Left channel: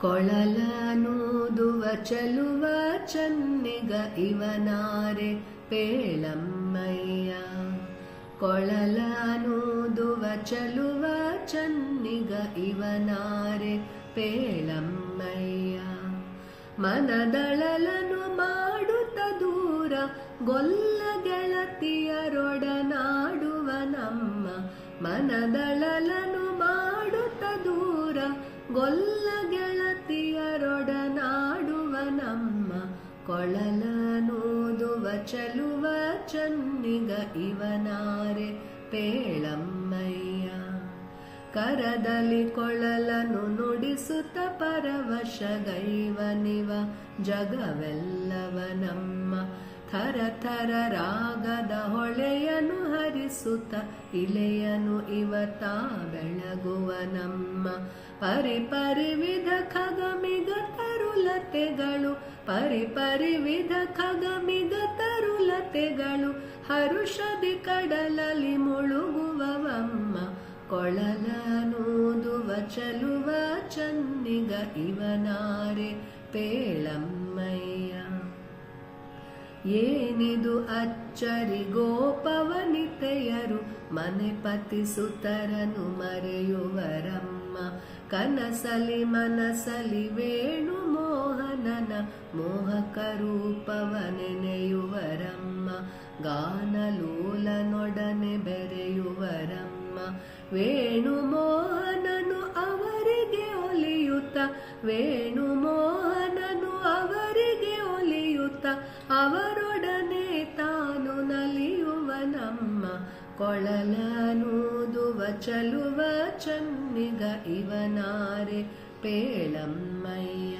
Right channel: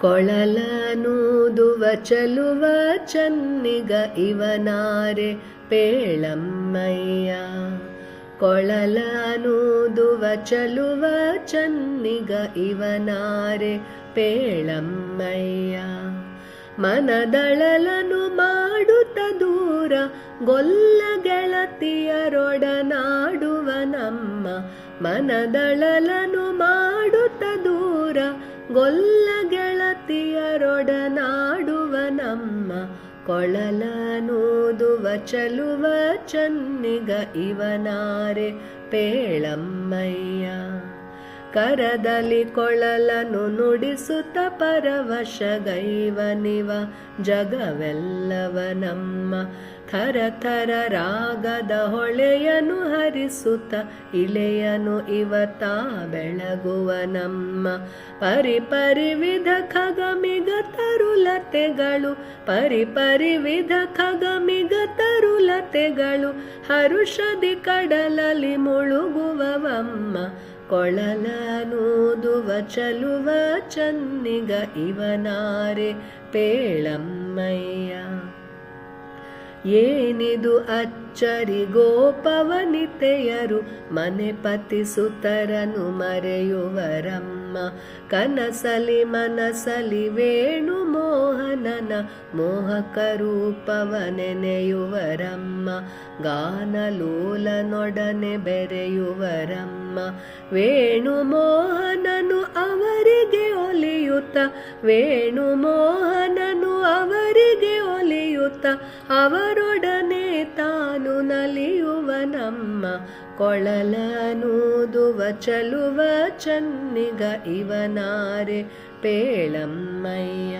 ಕೊಳಲನೂದುವ ಚಲುವ ಚನ್ನಿಗ ಇವನಾರೆ ಪೇಳಮ್ಮಯ್ಯ. ಕೊಳಲನೂದುವ ಚಲುವ ಚನ್ನಿಗ ಇವನಾರೆ ಪೇಳಮ್ಮಯ್ಯ. ಮನದಳಲನು ಮಾಡುತ್ತ ದೂರ ಗೊಲ್ಲ ಗೆಳತಿಯರೊಡನಾಡುವ ನಮ್ಮ. ಮನದಳಲನು ಮಾಡುತ್ತ ದೂರ ಗೊಲ್ಲ ಗೆಳತಿಯರೊಡನಾಡುವ ನಮ್ಮ. ಕೊಳಲನೂದುವ ಚಲುವ ಚನ್ನಿಗ ಇವನಾರೆ ಪೇಳಮ್ಮಯ್ಯ. ಕರದಲ್ಲಿ ಕೊಳಲನು ನುಡಿಸುತ್ತ ಪರವಶಗೈವನಿವ ಜಗವೆಲ್ಲವ ನಮ್ಮ. ಥರ ಥರ ರಾಗದ ಹೊಳೆಯನು ಹರಿಸುತ್ತ ಇಳೆಯನು ಇವತ ಬೆಳಗುವ ನಮ್ಮ. ಪರಿಪರಿವಿಧ ಖಗಮಿಗ ತರುಲತೆಗಳು ಪರಿಪರಿವಿಧ ಖಗಮಿಗ ತರುಲತೆಗಳು ಹರುಷದಿ ಕಡಲಲ್ಲಿ ಮುಳುಗುವವಮ್ಮ. ಕೊಳಲನೂದುವ ಚಲುವ ಚನ್ನಿಗ ಇವನಾರೆ ಪೇಳಮ್ಮಯ್ಯ. ಏನಿದು ಅಚ್ಚರಿ ಗೋಪವನಿತೆಯರು ಮನೆಪತಿ ಸುತರನು ಮರೆಯುವರಮ್ಮ. ಕನಸಲಿ ಮನಸಲಿ ವೇಣು ಮೋಹನನ ಮೋಹಕ ರೂಪವ ನೆನೆಯುವರಮ್ಮ. ಗಾನಲೋಲನೊಡನೆ ಬೆರೆಯುವರಮ್ಮ. ವೇಣು ಮೋಹನನು ಅವರಿಗೆ ಒಲಿಯುತ್ತ ವೇಣು ಮೋಹನನು ಅವರಿಗೆ ಒಲಿಯುತ್ತ ಅವರೊಡನೆ ತಾನು ನಲಿಯುವ ನಮ್ಮ. ಕೊಳಲನೂದುವ ಚಲುವ ಚನ್ನಿಗ ಇವನಾರೆ ಪೇಳಮ್ಮಯ್ಯ.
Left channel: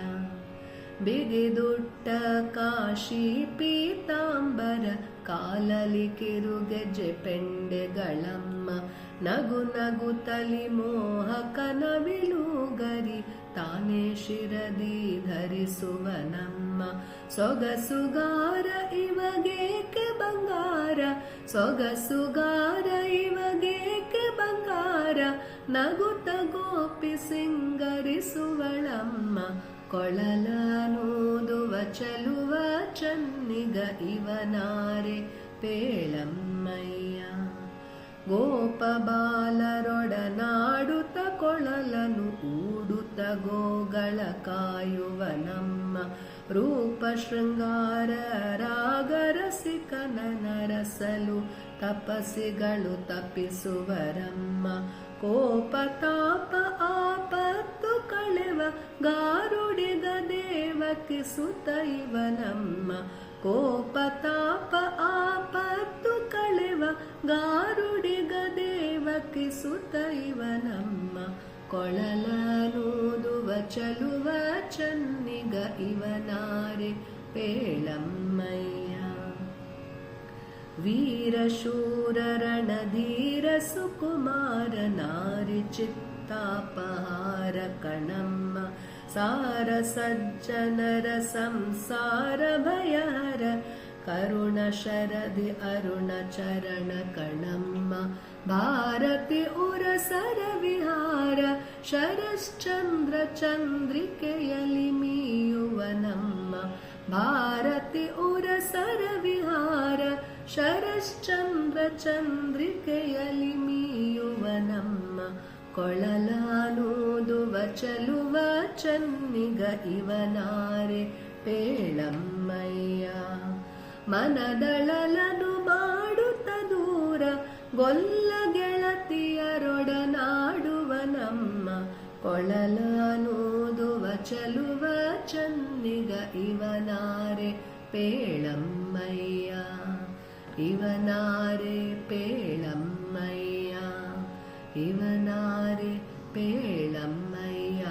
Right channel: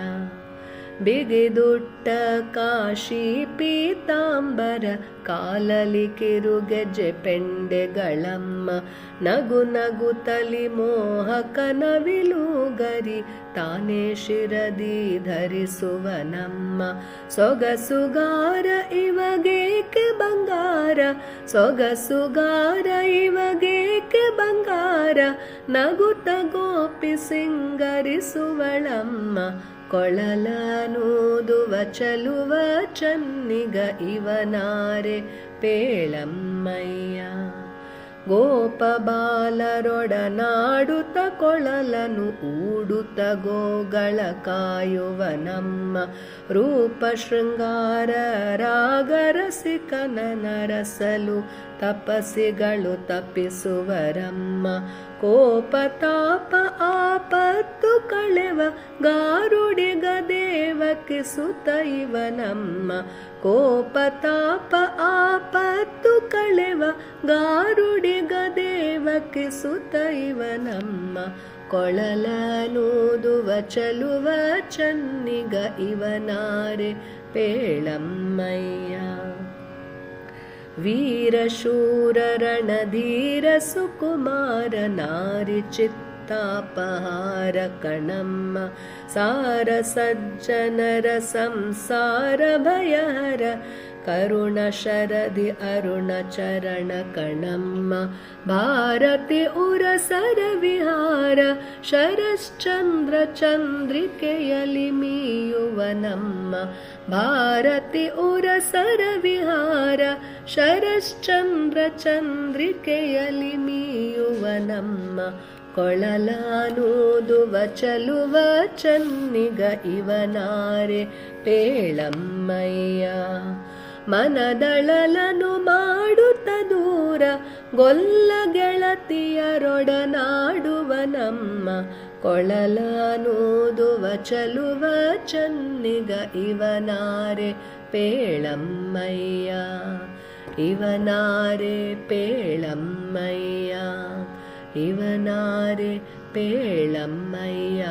ಬಿಗಿದುಟ್ಟ ಕಾಶಿ ಪೀತಾಂಬರ ಕಾಲಲಿ ಕಿರುಗೆಜ್ಜೆ ಪೆಂಡೆಗಳಮ್ಮ. ನಗು ನಗುತ್ತಲಿ ಮೋಹಕನ ವಿಲುಗರಿ ತಾನೇ ಶಿರದಿ ಧರಿಸುವ ನಮ್ಮ. ಸೊಗಸುಗಾರ ಇವಗೇಕೆ ಬಂಗಾರ ಸೊಗಸುಗಾರ ಇವಗೇಕೆ ಬಂಗಾರ ನಗುತ್ತ ಗೋಪಿ ಸಿಂಗರಿಸುವಳಮ್ಮ. ಕೊಳಲನೂದುವ ಚಲುವ ಚನ್ನಿಗ ಇವನಾರೆ ಪೇಳಮ್ಮಯ್ಯ. ಗೋಪ ಬಾಲರೊಡನಾಡುತ್ತ ಕೊಳಲನು ಊಡುತ್ತ ಗೋಗಳ ಕಾಯುವ ನಮ್ಮ. ರೂಪ ಶೃಂಗಾರ ರಾಗರಸಿಕನ ನರಸಲು ತಪಸ್ಸಿಗಳು ತಪ್ಪಿಸುವರಮ್ಮ. ಕೋಪ ತಾಪ ಆಪತ್ತು ಕಳೆವ ಗಾರುಡಿಗ ದೇವಕಿ ಸುತ ಇವನಮ್ಮ. ಕೋಪ ತಾಪ ಆಪತ್ತು ಕಳೆವ ಗಾರುಡಿಗ ದೇವಕಿ ಸುತ ಇವನಮ್ಮ. ಕೊಳಲನೂದುವ ಚಲುವ ಚನ್ನಿಗ ಇವನಾರೆ ಪೇಳಮ್ಮಯ್ಯ. ವೀರಶೂರ ರಣಧೀರ ಸುಕುಮಾರ ನಾರಿ ಚಿತ್ತಾಪಹಾರ ಕಣಮ್ಮ. ಸಾರ ಸಜ್ಜನರ ಸಂಸಾರ ಭಯಹರ ಕರುಣ ಶರದಿ ಅರುಣ ಚರಣ ಕಣಮ್ಮ. ಭಾರತಿ ಉರಸರ ವಿಹಾರ ಶರಶ್ಚಂದ್ರ ಚಂದ್ರಿಕೆಯಲಿ ಮೀಯುವ ನಮ್ಮ. ಭಾರತಿ ಉರಸರ ವಿಹಾರ ಶರಶ್ಚಂದ್ರ ಚಂದ್ರಿಕೆಯಲಿ ಮೀಯುವ ನಮ್ಮ. ಕೊಳಲನೂದುವ ಚಲುವ ಚನ್ನಿಗ ಇವನಾರೆ ಪೇಳಮ್ಮಯ್ಯ. ಮನದಳಲನು ಮಾಡುತ್ತ ದೂರ ಗೊಲ್ಲ ಗೆಳತಿಯರೊಡನಾಡುವ ನಮ್ಮ. ಕೊಳಲನೂದುವ ಚಲುವ ಚನ್ನಿಗ ಇವನಾರೆ ಪೇಳಮ್ಮಯ್ಯ. ಇವನಾರೆ ಪೇಳಮ್ಮಯ್ಯ. ಇವನಾರೆ ಪೇಳಮ್ಮಯ್ಯ.